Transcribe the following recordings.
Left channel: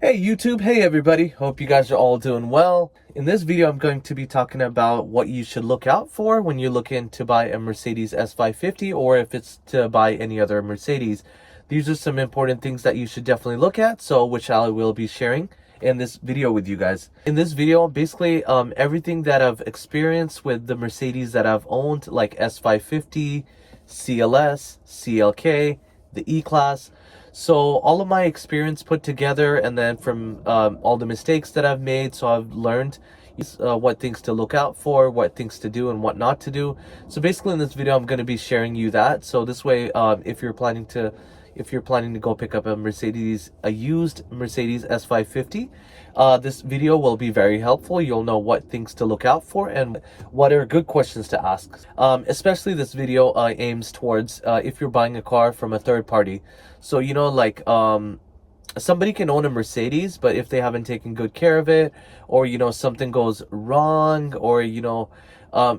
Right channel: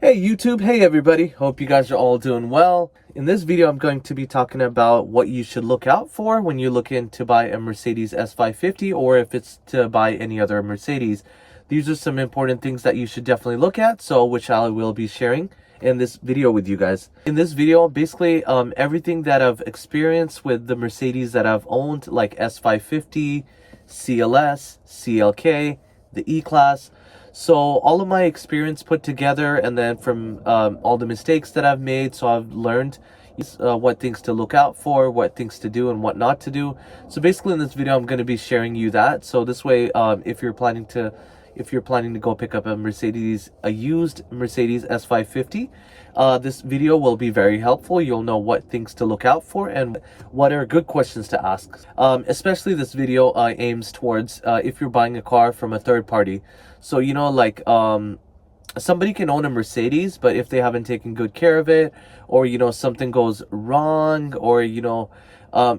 Hey YouTube, hey everybody, hope you guys are all doing well. In this video I'm going to be talking about what you should look out for when you're looking to buy a Mercedes S550 or if it's to buy any other Mercedes. These are some important things that you should definitely look at, so which I will be sharing in this video with you guys. In this video, basically everything that I've experienced with the Mercedes that I've owned, like S550, CLS, CLK, the E-Class. So all of my experience put together, and then from all the mistakes that I've made, so I've learned what things to look out for, what things to do and what not to do. So basically in this video I'm going to be sharing you that, so this way if you're planning to go pick up a used Mercedes S550, this video will be very helpful. You'll know what things to look out for and what are good questions to ask. Especially this video aims towards if you're buying a car from a third party. So, you know, like somebody can own a Mercedes, but if they haven't taken good care of it, or, you know, something goes wrong, or, you know,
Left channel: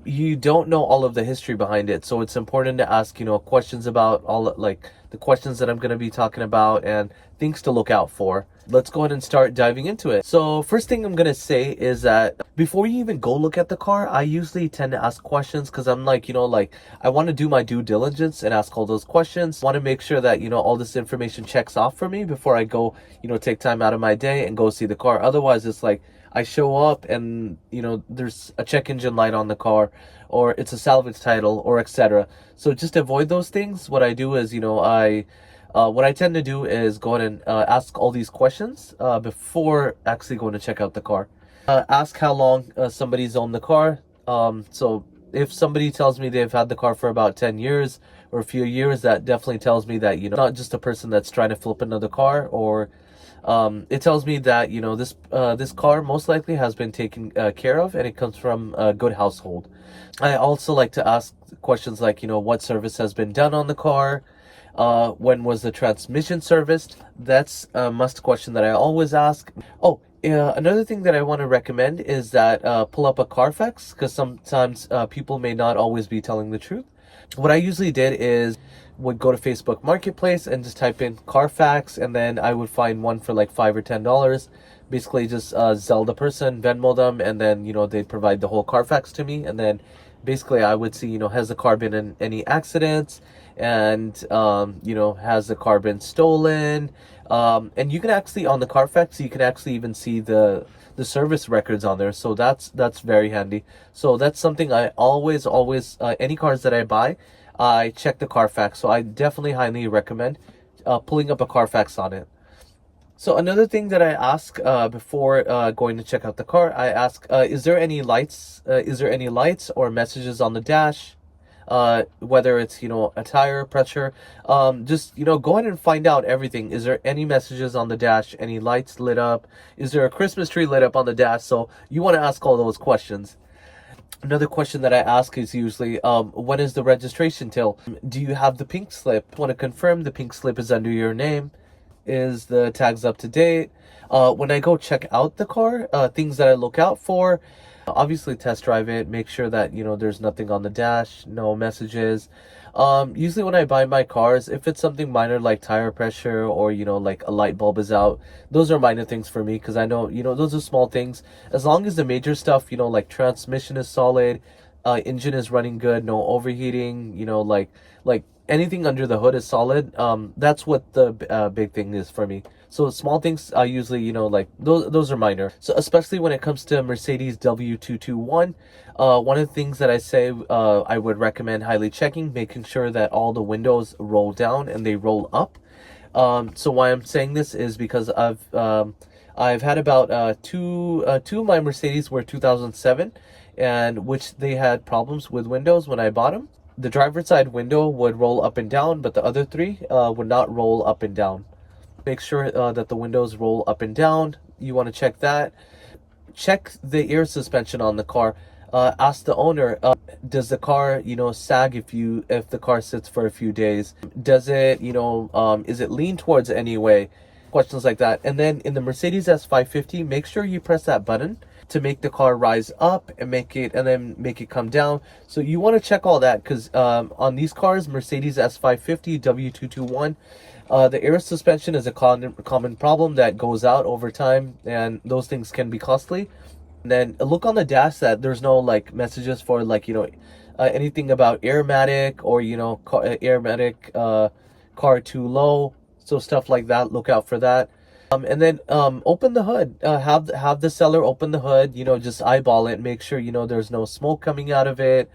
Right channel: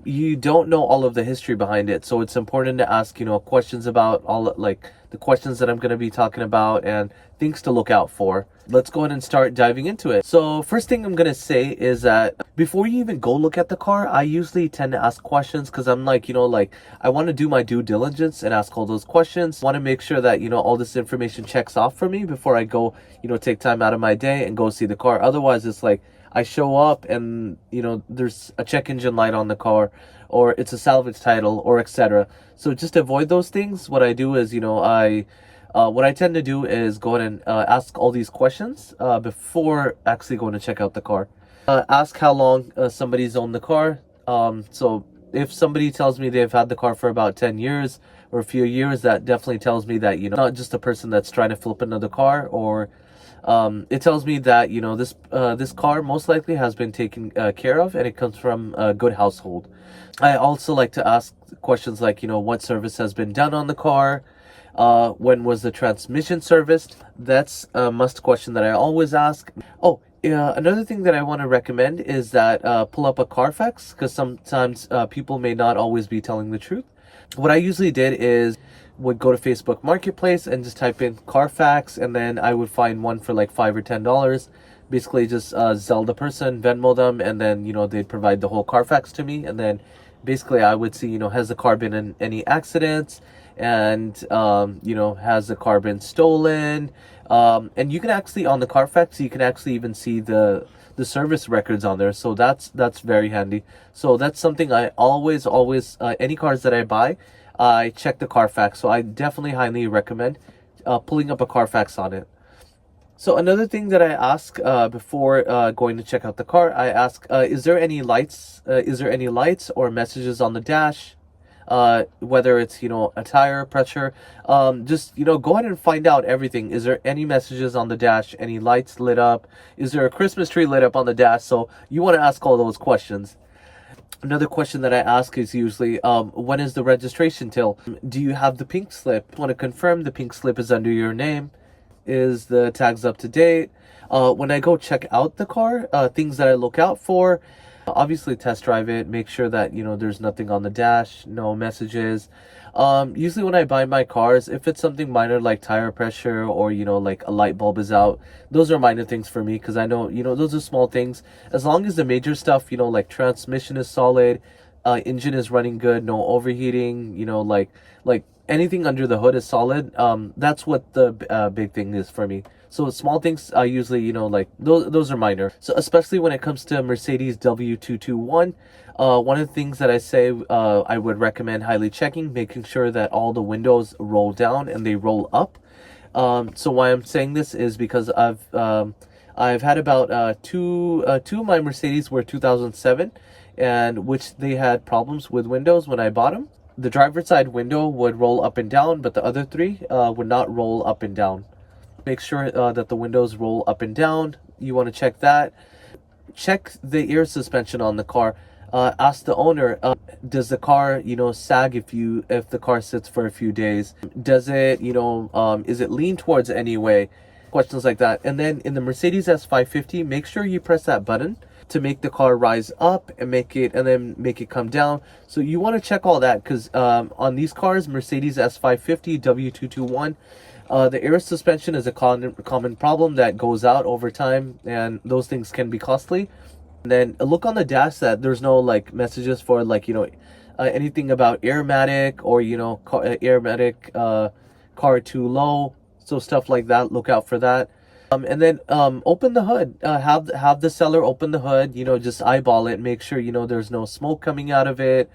you don't know all of the history behind it. So it's important to ask, you know, questions about all, like, the questions that I'm going to be talking about and things to look out for. Let's go ahead and start diving into it. So first thing I'm going to say is that before you even go look at the car, I usually tend to ask questions because I'm like, you know, like I want to do my due diligence and ask all those questions. I want to make sure that, you know, all this information checks off for me before I go, you know, take time out of my day and go see the car. Otherwise, it's like I show up and, you know, there's a check engine light on the car, or it's a salvage title, or etc. So just avoid those things. What I do is, you know, what I tend to do is go ahead and ask all these questions before actually going to check out the car. Ask how long somebody's owned the car. So if somebody tells me they've had the car for about 10 years or a few years, that definitely tells me that, you know, not just a person that's trying to flip another car, or it tells me that, you know, this car most likely has been taken care of and it comes from a good household. I also like to ask questions like, you know, what service has been done on the car, when was the transmission serviced. That's a must question that I always ask. Oh, another thing that I want to recommend is that pull up a Carfax, because sometimes people may not always be telling the truth. What I usually did is would go to Facebook Marketplace and just type in Carfax, and then I would find one for like $5 or $10. Basically just Zelle the person, Venmo them, and then, you know, they'd provide the whole Carfax to me, and then basically I would see, you know, has the car been in any accidents, and you know, has the car been stolen, and you can actually, on the Carfax, you can actually even see the service records on there, so that's very handy. So that's something I always any cars that I buy, I check the Carfax. So I definitely highly recommend pulling up a Carfax on it. So another thing that I ask before going to check out the car, I ask, is there any lights? Is there any lights or messages on the dash? Whether it's, you know, a tire pressure, just, you know, go ahead and find out everything. Is there any messages on the dash? Any lights lit up? Is there a Christmas tree lit up on the dash? So you want to ask all those questions. Another question that I ask is usually, when is the registration till? Do you have the pink slip? Want to confirm the pink slip is under your name? Is the tags up to date? When I go check out the car, things that I look out for, obviously test drive it, make sure that, you know, there's nothing on the dash, no messages. Usually when I buy my cars, if it's something minor like tire pressure, or, you know, like a light bulb is out, those are minor things for me, because I know, you know, those are small things. As long as the major stuff, you know, like transmission is solid, engine is running good, no overheating, you know, like anything under the hood is solid, that's what the big thing is for me. So small things I usually, you know, like those are minor. So especially when it comes to Mercedes W221, one of the things that I say I would recommend highly checking, making sure that all the windows roll down and they roll up. So why I'm saying this is because I've had about two of my Mercedes were 2007, and which they had problems with windows when I bought them. The driver's side window would roll up and down, but the other three would not roll up and down. Make sure that the windows roll up and down. You want to check that. Check the air suspension on the car. Ask the owner, does the car, you know, sag if the car sits for a few days? Does it, you know, is it lean towards any way? Questions like that. And then in the Mercedes S550, make sure you press that button to make the car rise up and then make it come down. So you want to check all that, because on these cars, Mercedes S550 W221, The air suspension is a common problem that goes out over time, and those things can be costly. And then look on the dash that there's no like messages for like, you know, anything about airmatic or, you know, airmatic, car too low. So stuff like that, look out for that. And then open the hood. Have the seller open the hood. You know, just eyeball it. Make sure, you know, there's no smoke coming out of it.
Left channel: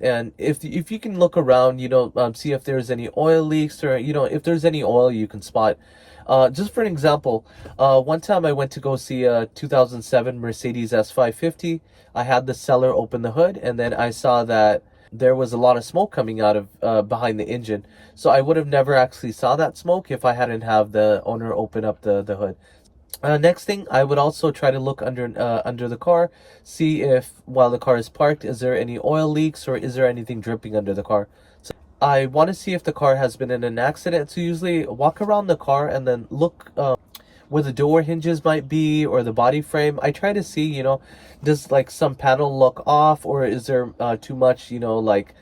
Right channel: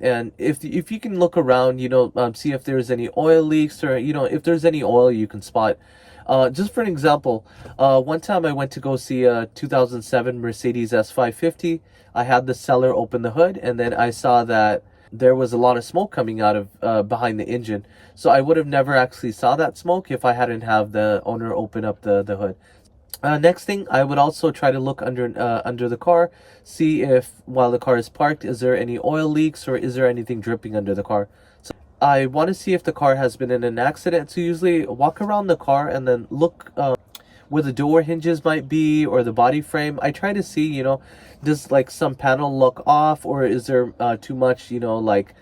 And if you can look around, you know, see if there's any oil leaks, or, you know, if there's any oil you can spot. Just for an example, one time I went to go see a 2007 Mercedes S550. I had the seller open the hood, and then I saw that there was a lot of smoke coming out of behind the engine. So I would have never actually saw that smoke if I hadn't have the owner open up the hood. Next thing, I would also try to look under the car, see if while the car is parked, is there any oil leaks or is there anything dripping under the car. So I want to see if the car has been in an accident. So usually walk around the car and then look where the door hinges might be or the body frame. I try to see, you know, does like some panel look off, or is there too much, you know, like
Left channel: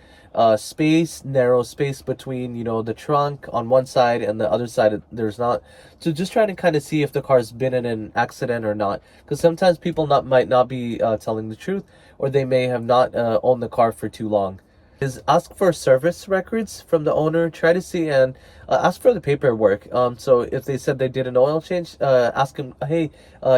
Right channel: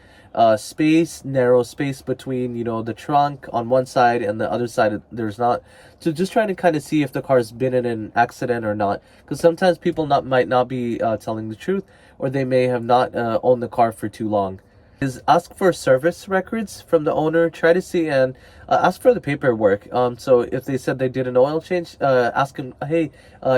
narrow space between, you know, the trunk on one side and the other side there's not. So just trying to kind of see if the car's been in an accident or not, because sometimes people might not be telling the truth, or they may have not owned the car for too long. Is ask for service records from the owner. Try to see and ask for the paperwork. So if they said they did an oil change, ask them, hey,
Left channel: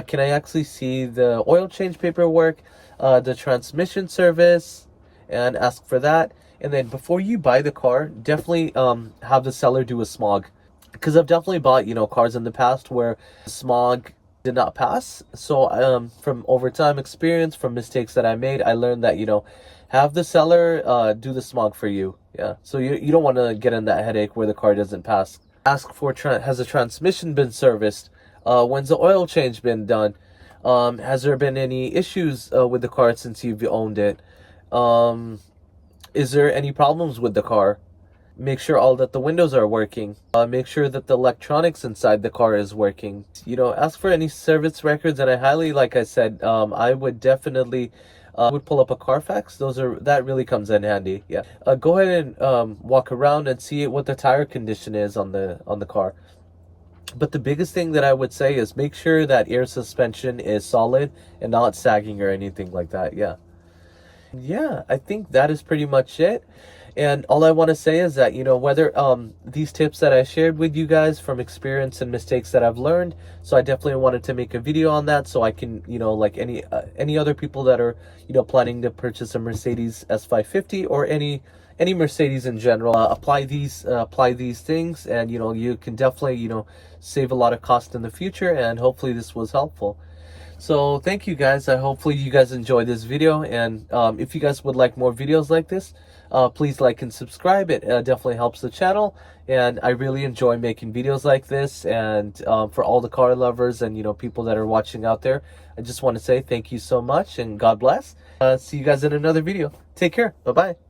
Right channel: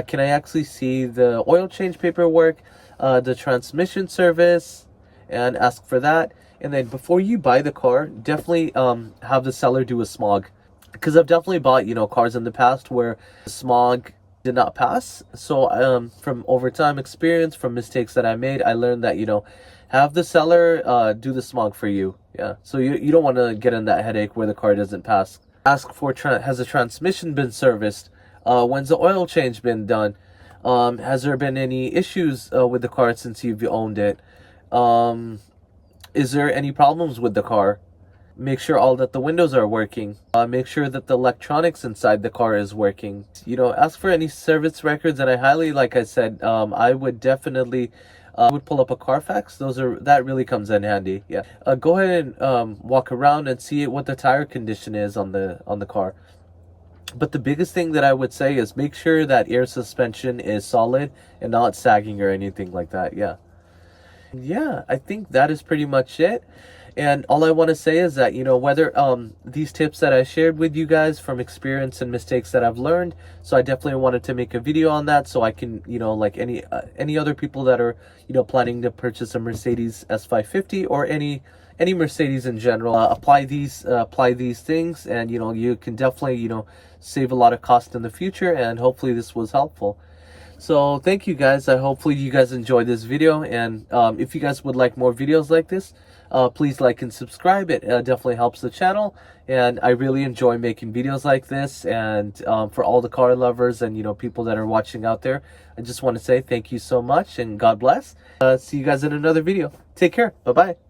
can I actually see the oil change paperwork, the transmission service, and ask for that. And then before you buy the car, definitely have the seller do a smog, because I've definitely bought, you know, cars in the past where the smog did not pass. So from overtime experience, from mistakes that I made, I learned that, you know, have the seller do the smog for you. Yeah, so you don't want to get in that headache where the car doesn't pass. Ask for has the transmission been serviced? When's the oil change been done? Has there been any issues with the car since you've owned it? Is there any problems with the car? Make sure all that the windows are working. Make sure that the electronics inside the car is working. You know, ask for any service records, and I highly, like I said, I would definitely would pull up a Carfax. That really comes in handy. Yeah. Go ahead and walk around and see what the tire condition is on the car. But the biggest thing that I would say is make sure that air suspension is solid and not sagging or anything like that. Yeah, I think that is pretty much it. And all I want to say is that, you know, whether these tips that I shared with you guys from experience and mistakes that I've learned, so I definitely wanted to make a video on that, so I can, you know, like any other people that are, you know, planning to purchase a Mercedes S550 or any Mercedes in general, apply these things, and, you know, you can definitely, you know, save a lot of cost in the future. And hopefully this was helpful. So thank you guys. Hopefully you guys enjoyed this video, and if you guys would like more videos like this, please like and subscribe. It definitely helps the channel, and I really enjoy making videos like this. And for all the car lovers and, you know, people that are watching out there, I just want to say thank you so much, and God bless. See you guys in another video. Take care. Bye bye.